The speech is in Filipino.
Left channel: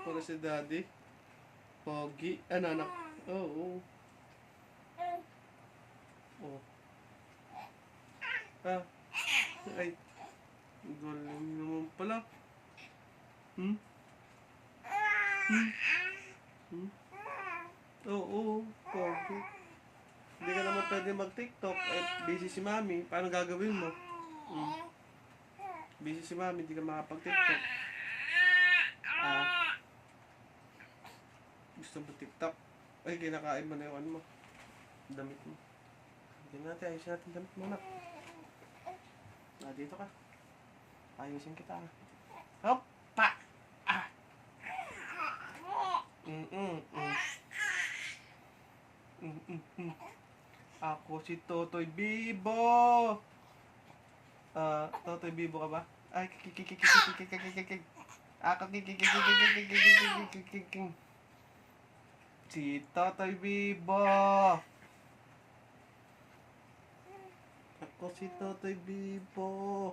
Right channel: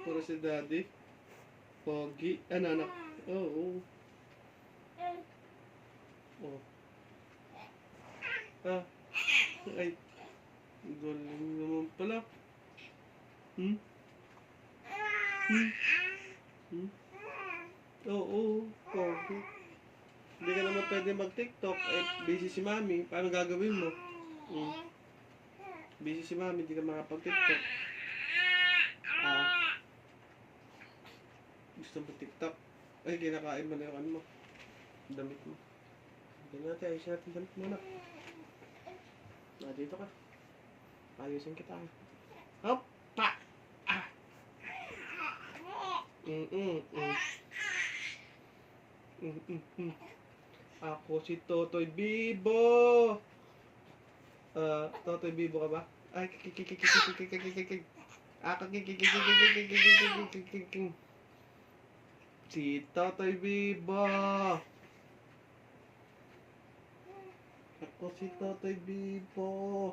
Para si Daddy. Pogi. Ano, anak? Oo. Oh. Ah. Ay. Galing naman pala. Hmm? Hmm? Hmm? Oo. Pogi. Hindi ka naman pwede mag-TikTok. Ay, busy si Mami. Paano gagawin mo? Hmm? Busy si Mami. Hindi ka makapag-TikTok. Ah. Gusto mo TikTok? Ay, kinakain mo na yung ano mo. Damit mo. Hindi natin. Ayusin natin damit mo na. Dito ka. Ayusin kita. Hop! Pa! Ah! Ako si Totoy Bibo! Totoy Bibo ka ba? Ay, kikikikikikikikikikikikik. Ako kikikikikikikikikikikikik. Si Totoy Bibo! Ako si Totoy Bibo!